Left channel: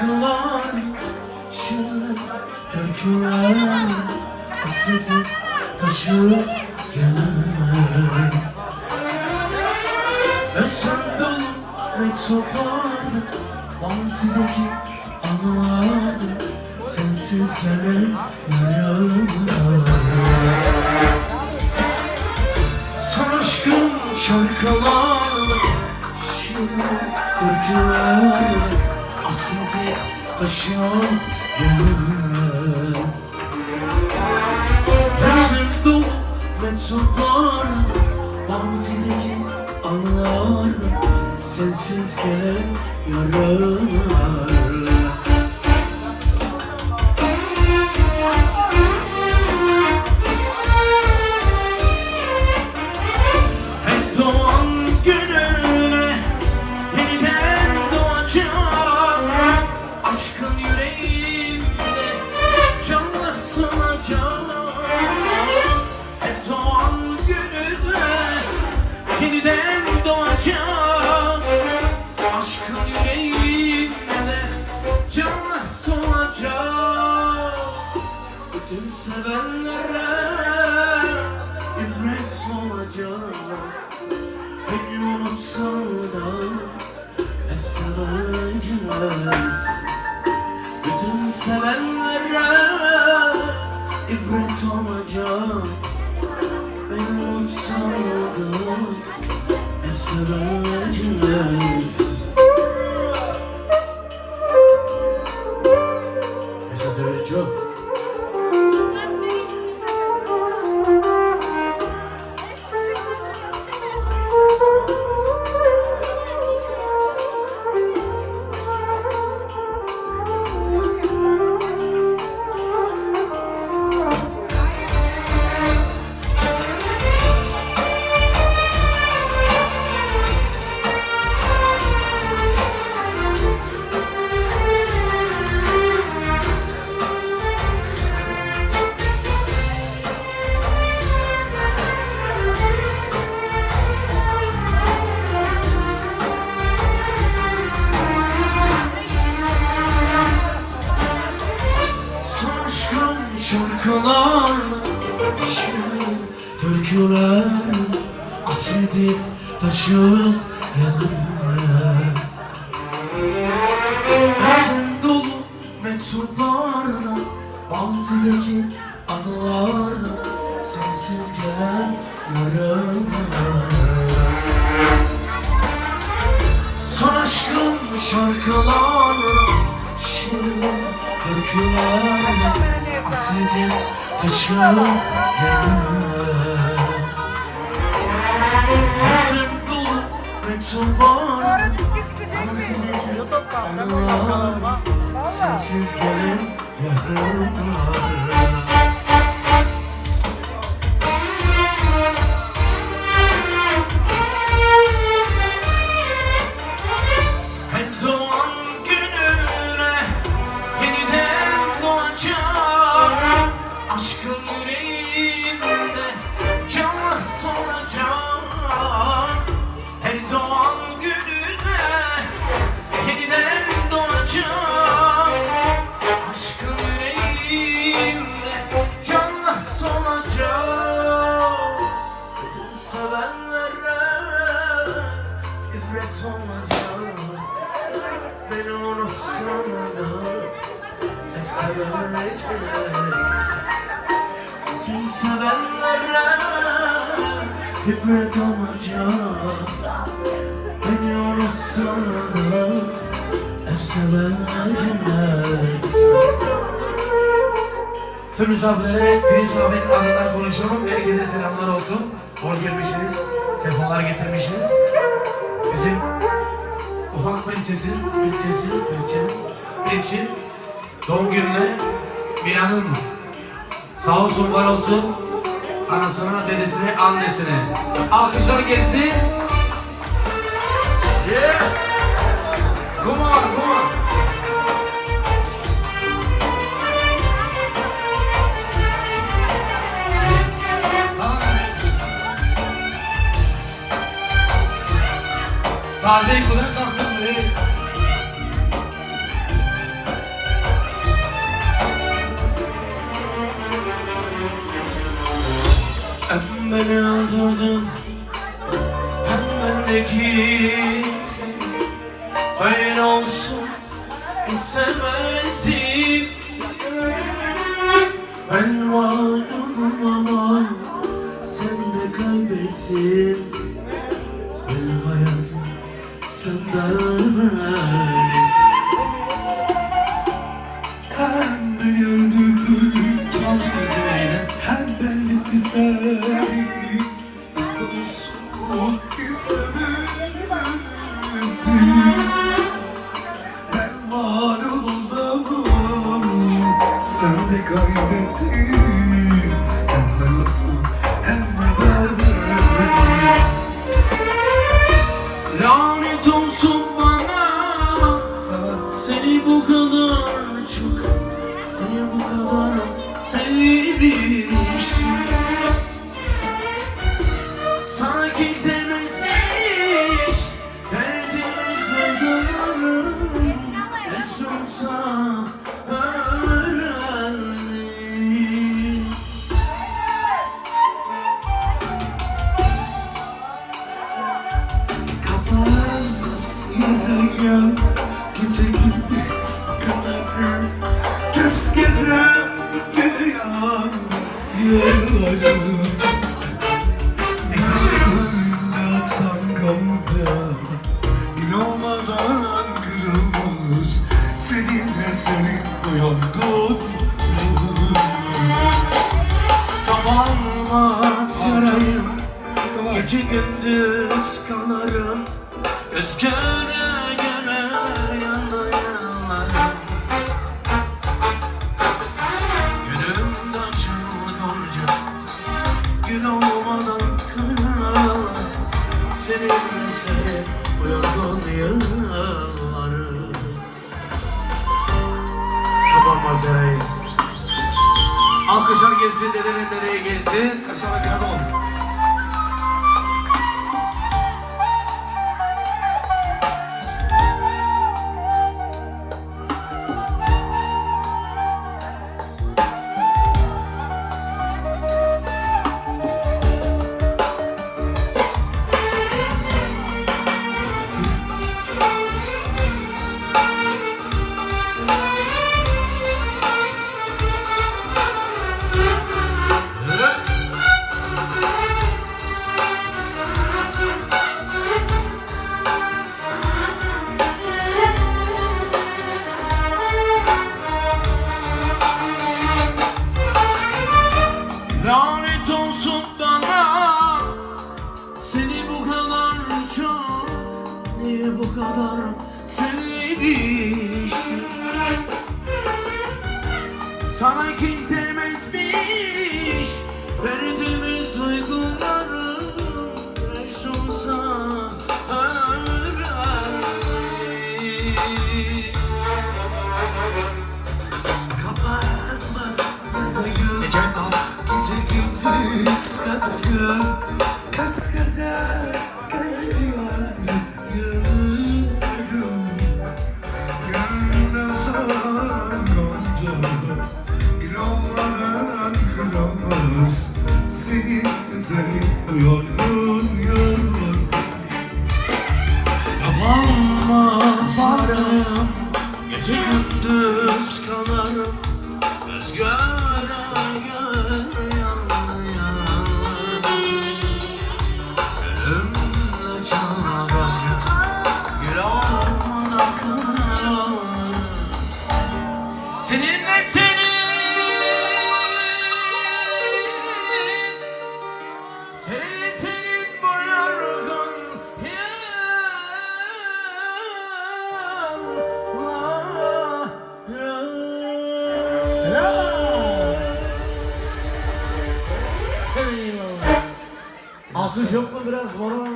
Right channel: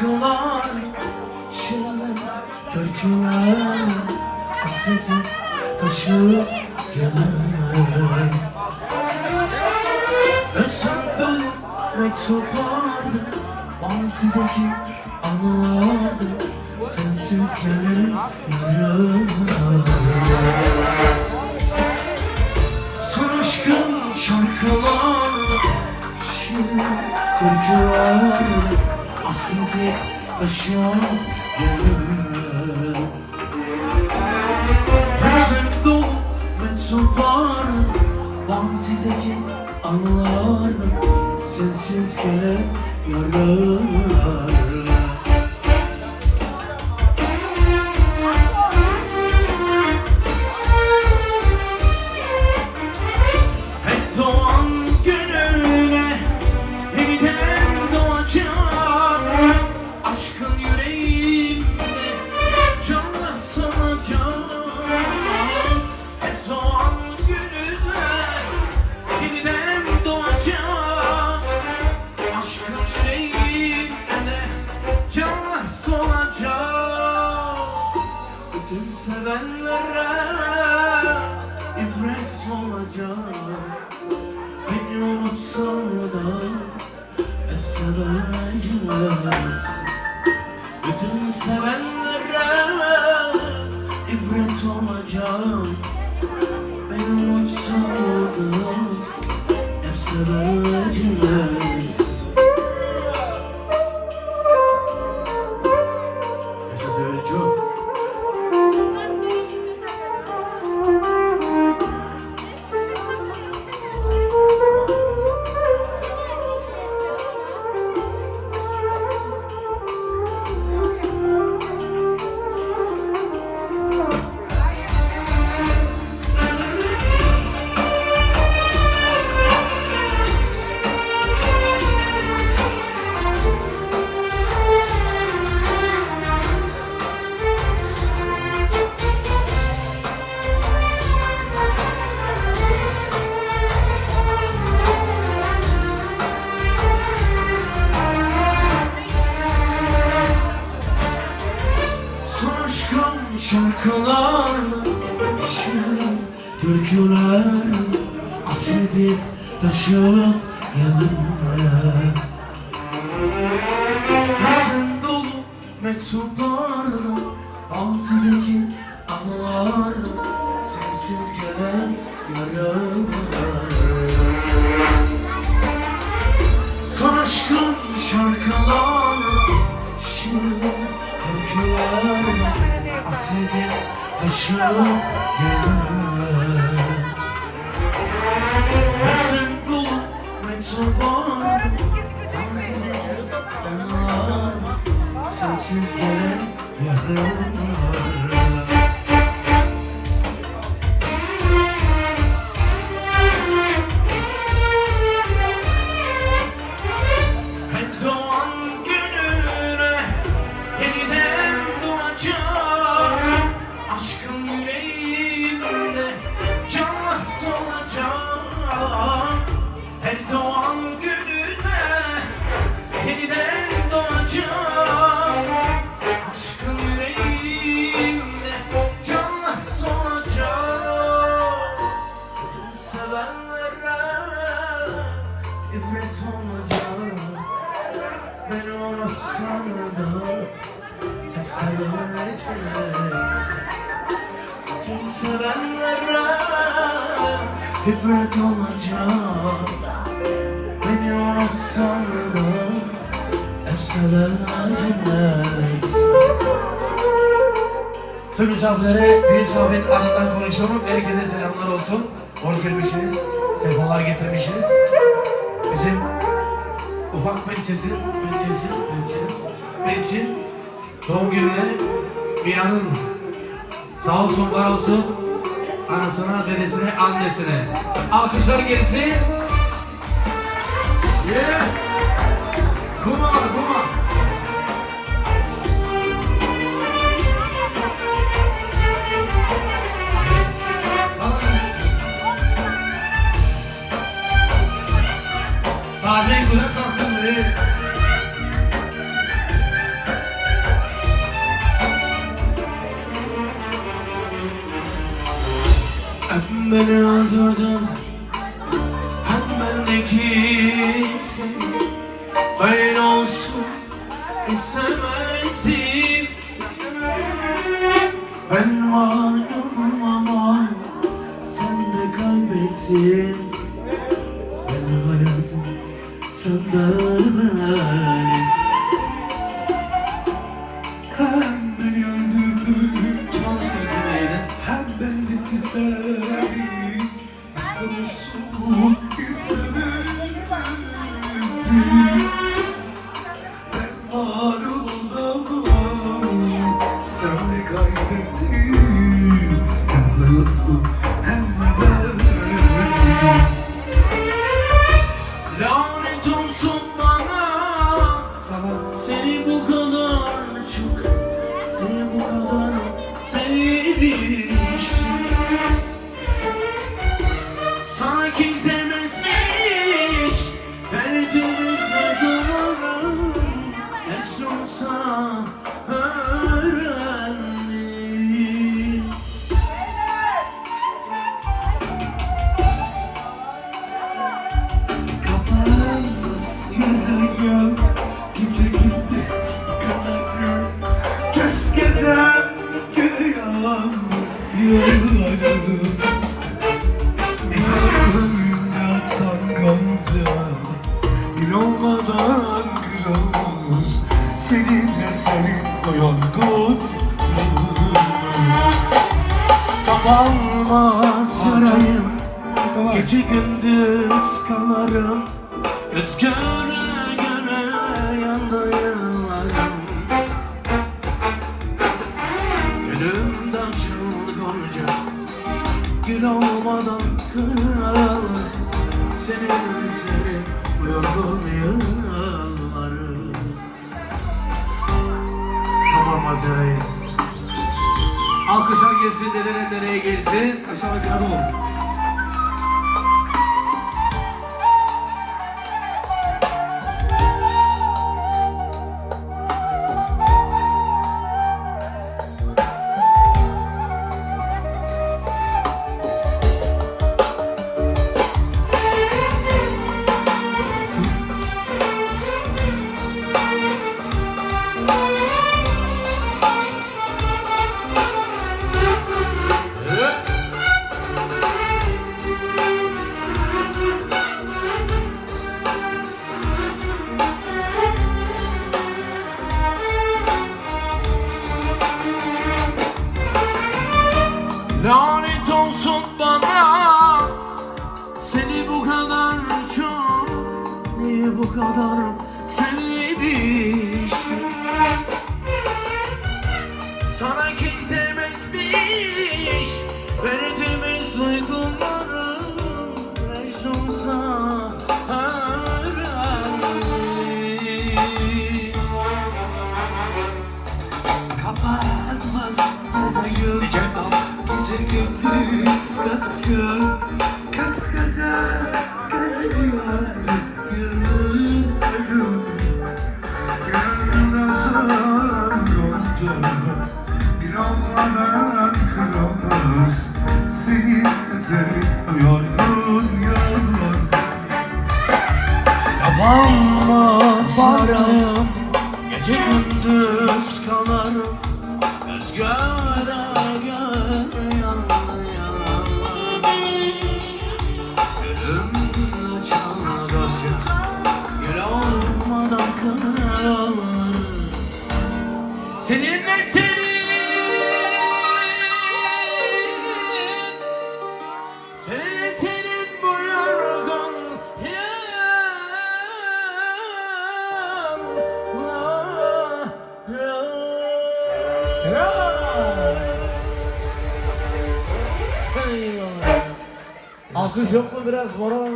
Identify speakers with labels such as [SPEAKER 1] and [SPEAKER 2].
[SPEAKER 1] şarkılar Şiirler, türküler Hasreti taşı gelemem Özlem dolu mektuplardı Mazideki anılardı Sensiz gelen yaralar. Son aşkım şarkılarla Şiirler, türkülerle Hasreti taşıyor gönül Hüzün dolu mektuplarla Mazideki anılarla Sensiz gelen yaralar Aşkın yüreğimde canla solacağım Bütün sevenlere ibret olacak Beni unutsan da hep seveceğiz Bütün sevenlere ibret olacak. Beni unutsan da hep seveceğiz taşıyan yerler Hüzün dolu mektuplarla Bazıdaki anılarla Sensiz gelen yaralar. Son aşkım şarkılarla Şiirler, türkülerle Aslında taşıyor yerler Sensiz gelen yaralar seveceğiz Tüm sevenlere ibret olacak Beni unutsan da seveceğiz
[SPEAKER 2] Tüm misafirlere düğün sohbet adından konuşuyorum. Herkese selamlar olsun. Hoş gelmişsiniz. Sefalar getirmişsiniz. Bizim ufak prensesin, prensesin, prensesin, prensin doğum gününe bir anım. Sağ olsun, var olsun. Anasına, dedesine, annesine. Alkışlar gelsin. Yeah. Come on, come on. yağdırdın Hem memleketin
[SPEAKER 1] Hayır olsun istemezdim. Ben mağlubum ama Sen de kaybettin. Ben hayatım senden Sen de kaybettin. Hem hayatım hem de Lanet olsun bana. Seni bu kadar çok Niye bu kadar sevmiştim Göz göre göre yandı yıllarım Gönlümden çılgınca Gün olmadan Seninle senin bu yorgun yıllarım Kapanmaz yarayız Alkışlar gelsin, dedenin nereye gelsin? Kaşıma kağıdı oldu. Seni bu kadar çok Niye bu kadar sevmiştim Sana kimse demezmiş Verdiğimiz duyguları Senin bu yorgun
[SPEAKER 2] Alkış yok mu biraz? Moral